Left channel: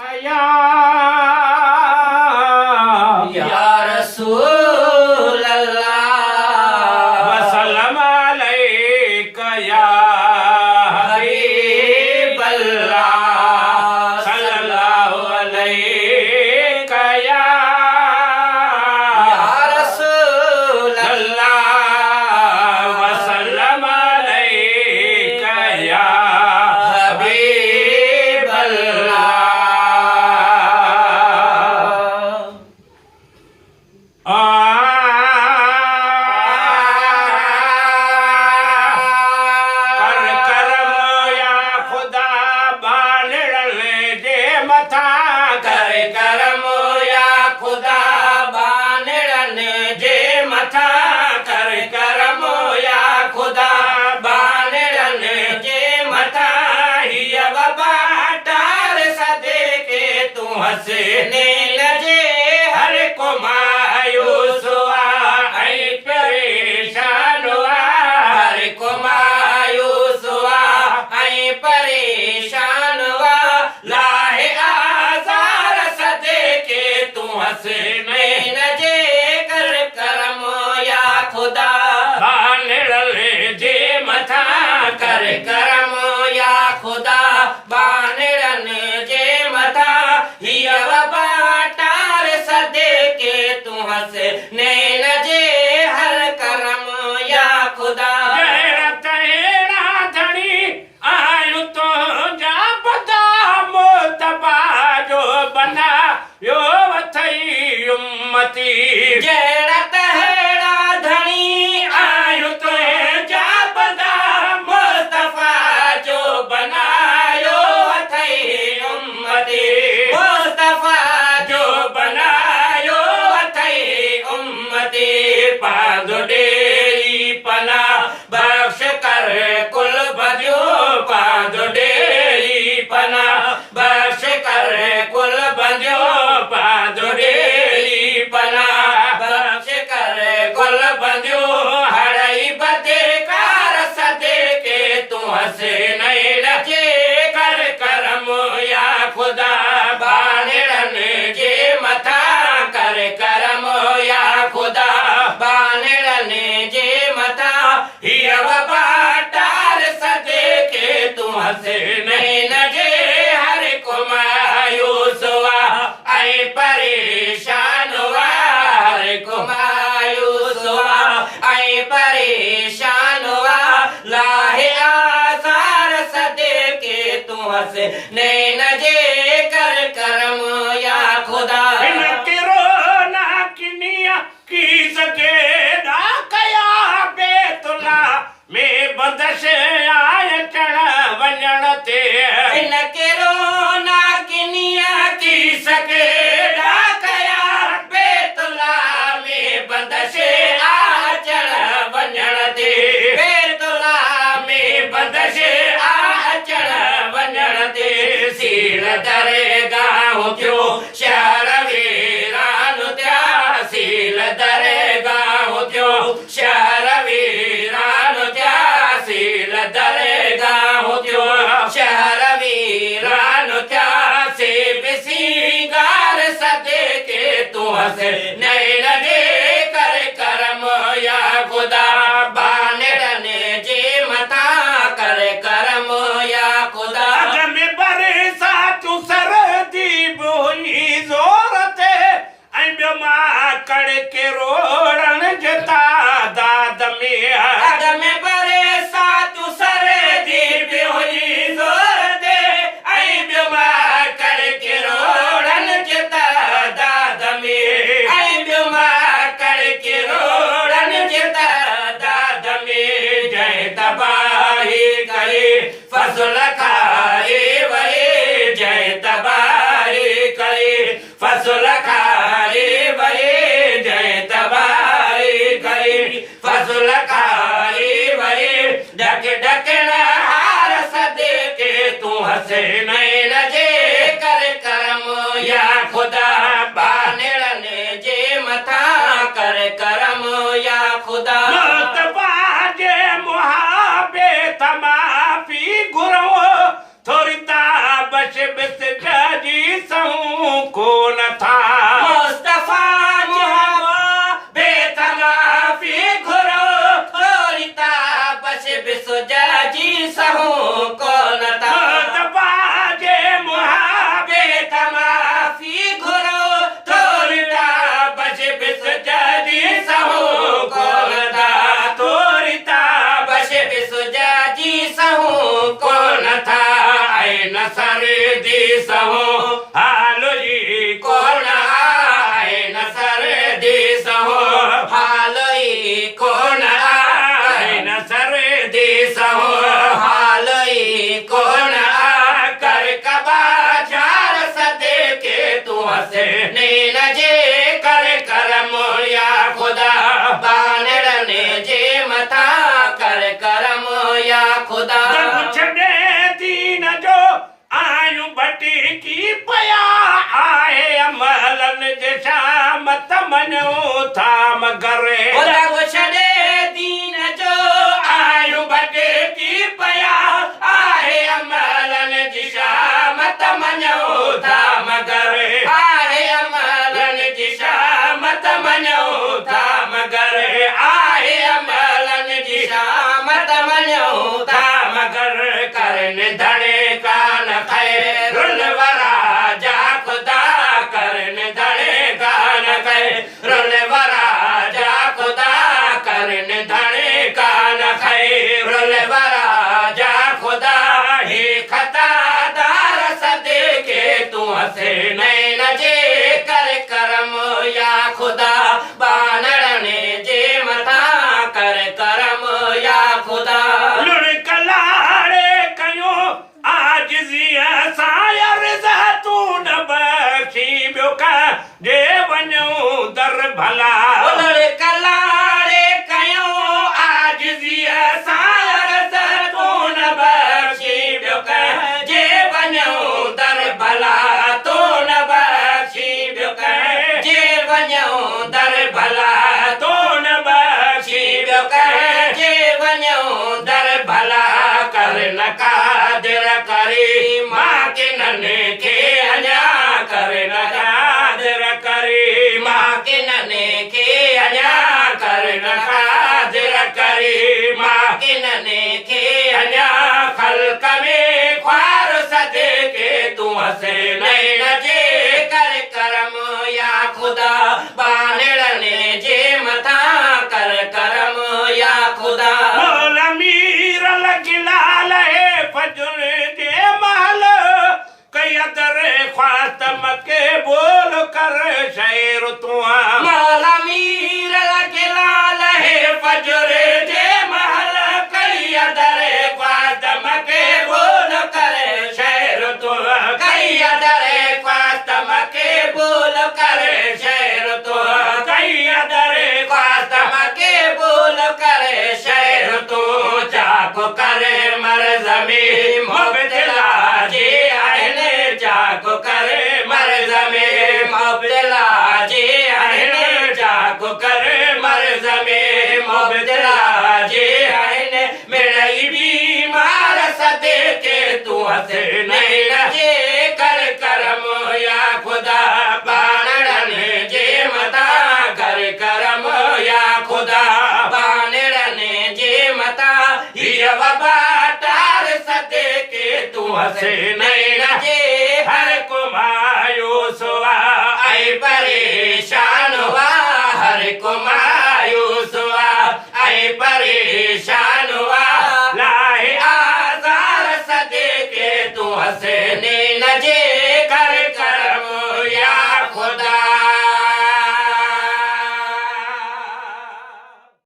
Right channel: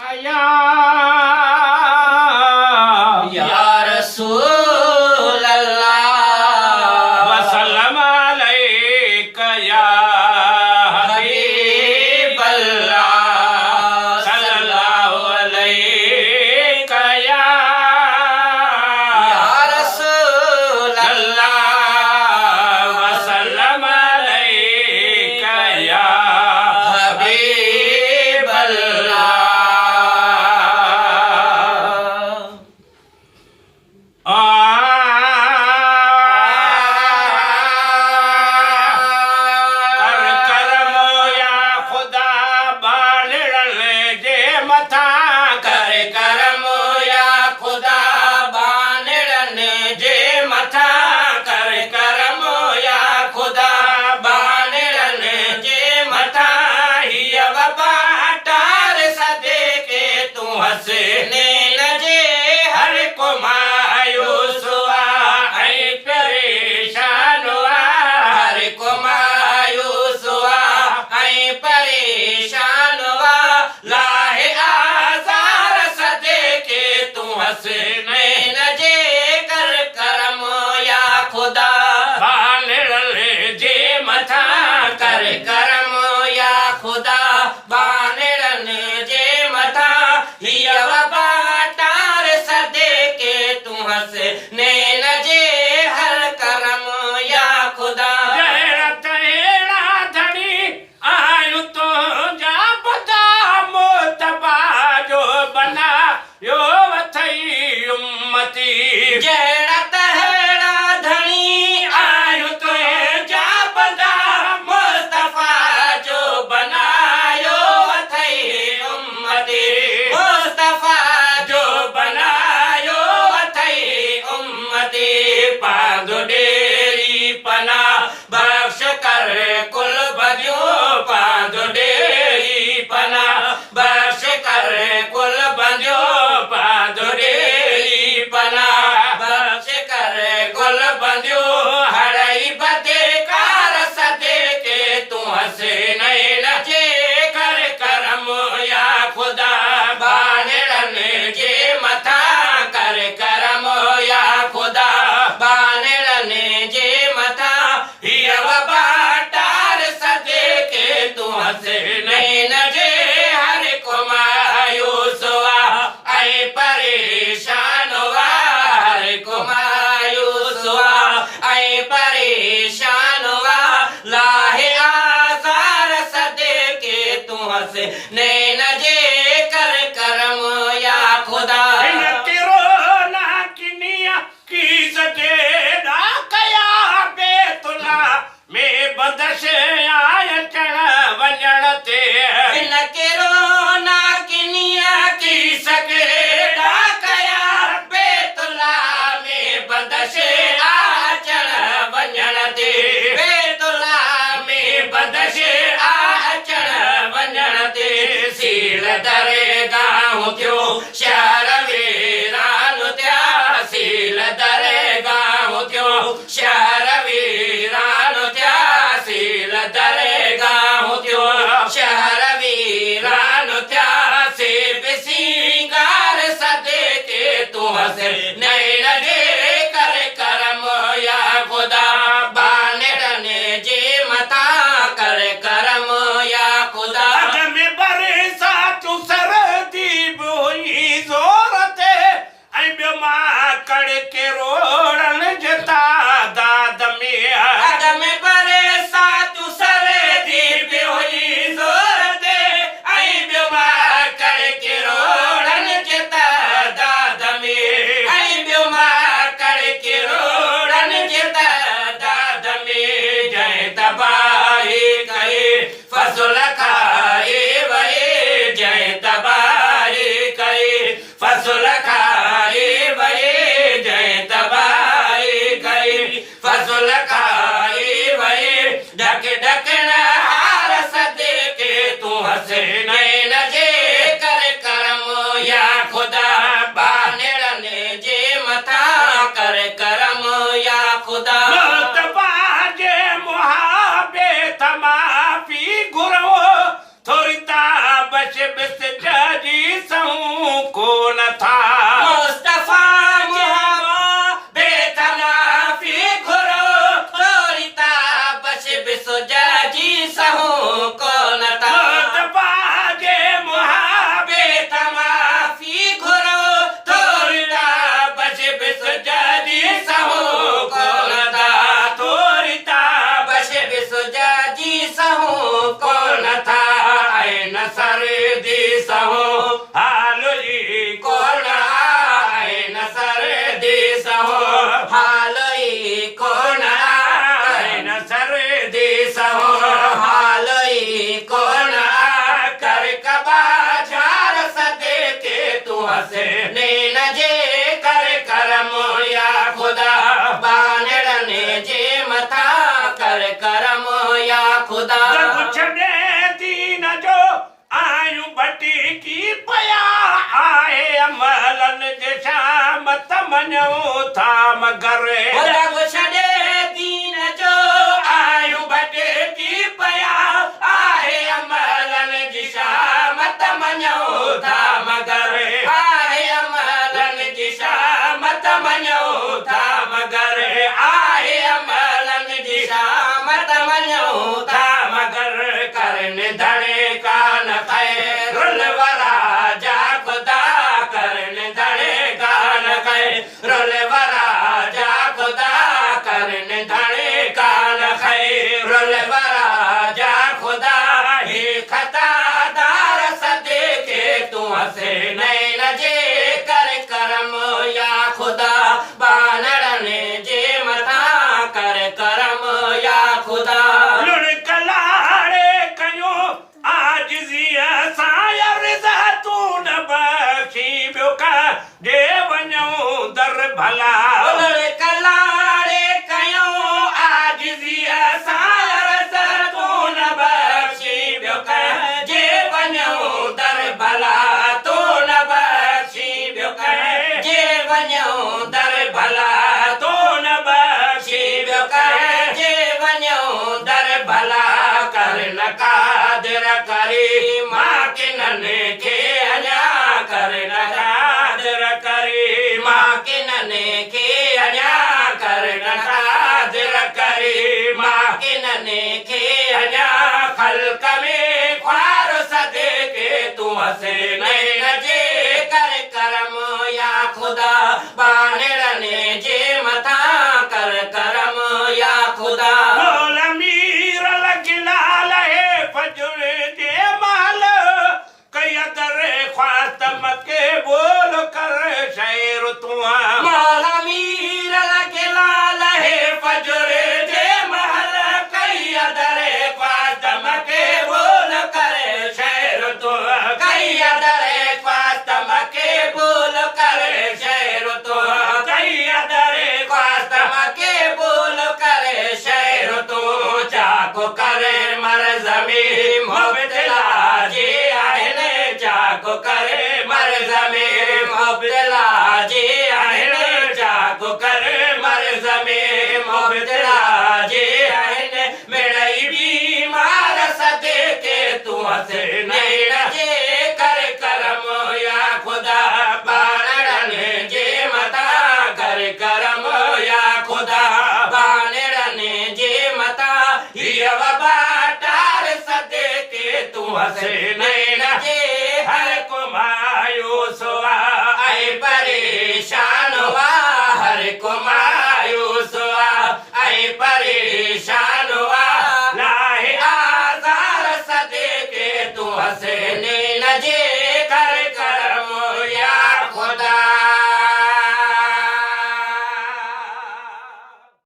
कया या रसूल अल्लाह वसल्लम अलैका या हबीब अल्लाह सल्लल्लाहु अलैका या रसूल अल्लाह वसल्लम अलैका या हबीब अल्लाह कर करम या खुदा बालड़न जे मथा कर करम या खुदा बालड़न जे मथा कर करम या खुदा बालड़न जे मथा हिय वबा टार सदे के तू हसने लजे हर को मायूस हुआ ऐ परेशान हुआ हर को मायूस हुआ ऐ परेशान हुआ लाहे आजार सदे के तू हंसने लजे कर करम या खुदा बानड़ल जे मथा कर करम या खुदा बानड़न जे मथा हिय वबा टार सदे के तू हंसने लजे हर करम या खुदा जहिड़ा तहिड़ा धणी आयु तो जा बदा मोतबा जो बना यो वथई उम्मती जहिड़ा तहिड़ा धणी आयु तो जा बदा मुस्तफा जो बनायो वथई उम्मती मुस्तफा जो बनायो वथई उम्मती पादो डेरी पना बख्श कर कुल बजो पादो डेरी पना बख्श कर कुल बजो पादो डेरी पना बख्श कर कुल बजो हड़ई बदे कार सदे के तू हंसे नहीं लजे कर करम या खुदा बानड़न जे मथा कर करम या खुदा बानड़न जे मथा हिय वबा टार सदे के तू हंसे नहीं लजे हर को मायूस हुआ ऐ परेशान हुआ हर को मायूस हुआ ऐ परेशान हुआ लाहे आजार सदे के तू हंसे नहीं लजे कर करम या खुदा ना किनिया की सके ना कया बेतुला में बदश आय चढ़ वञण ते इन केरो ना किनिया की सके ना कया बेतुला में बदश आ चढ़ वञण ते बेतुला में बदश आ चढ़ वञण ते सील दरगाह थियो शहर वीरान थिया सील दरगाह थियो शहर वीरान थिया सील दरगाह थियो शहर वीरान थिया से बिसिंगार सदे के तू हंसे नहीं लगे कर करम या खुदा बानड़न जे मथा कर करम या खुदा अग में बरसा तू सरदी बोई जोर ते ऐं ॿियो मां कड़ के रोड़न जता दाद में अग में बरसा तू सरदी बोई जोर ते ऐं ॿियो मां कड़ के रोड़न जता दाद में ऐं ॿियो मां कड़ के रोड़न जता दाद में जय तबाही करे फसल खाए वए जय तबाही करे फसल खाए वए जय तबाही करे फसल खाए वए ढक ढकण हार सदे के तू हंसे नहीं लजे कर करम या खुदा बानड़न जे मथा कर करम या खुदा मुस्तफा जे मुहाबे तमाफी गुरो थोड़ी ता बश बिस जाजी सा था मुस्तफा मोहब्बत बेतनाफी घुरो थोरीता बस बिसुजा जी सहू कोन था मुस्तफा जे बेतनाफी घुरो थोरीता बस बिसुजा जी सहू कोन था तोरिता बस बिसुजा जी सहू कोन था ऐं न सरदी सहो हाल जी कोन ऐं न सरदी सहो हालोई कोन ऐं न सरदी सहो हालोई कोन कर कबा झार सदे के तू हसे नैन जे कर करम या खुदा बानड़ने जे मथा कर करम या खुदा जब छड़े दीन जो आयु बटी की पया आए अमलन जे शाम तमनो था मगरे जब छड़े दीन जो आयु बटे की पया आए अमलन जी शाम तमनो था मगरे आए अमलन लन जी शाम तमनो था मगरे आए अमलन जी शाम तमन्यो था मगर करने धड़े कान खैरुल वरा जा खुदा करने धड़े कान खैरुल वरा जा खुदा करने धड़े कान खैरुल वरा जा खुदा ही खता दार सदे के तू हसे नैन जे कर करम या खुदा बानड़ने जे मथा कर करम या खुदा लुड़कलाड़े कयो आजिज़ीअ सां रिज़ा तू न बख़्शी ॿियो का जे वञूं दर भला कलाड़े कयो आजिज़ीअ सां रिज़ा तू न बख़्शी ॿियो का जे वञूं दर भला तू न बख़्शी ॿियो का जे वञो दर भला तू न बख़्शी ॿियो का जे वञो दर भला कर न कादिर करी मां किनन खे अञा कर न कादिर करी मां किनने के अञा कर न कादिर करी मां किनने के अञा ख़ल्क़ में ख्वार सदे के तू हसे नैन जे कर करम या खुदा बानड़ने जे मथा कर करम या खुदा मोल मीर लगिलाल है फजुर जे महल कयदर ख्वातम के बोल कर शैर तुआ मौला मीर लगे लाल है फजुर जे महल कयदर ख्वातम के बोल कर शैर तुआ कैदर ख्वातम के बोल कर शैर तुआ कयदर ख्वातम के बोल करे शैर तू जाको करे मर जमी मुबतला जे आहिने जाको करे मर जमी मुबतला जे आहिने जाको करे मर जमी मुबतला जे आहिने मिलई बीमार सदे के तू हसे नैन जे कर करम या खुदा बाणड़न जे मता कर करम या खुदा बानड़ने जे मता हिय वबा टार सदे के तू हसे नैन जे हर को मायूस हुआ ऐं परेशान हुआ हर को मायूस हुआ ऐं परेशान हुआ लाहे आज़ार सदे के तू हसे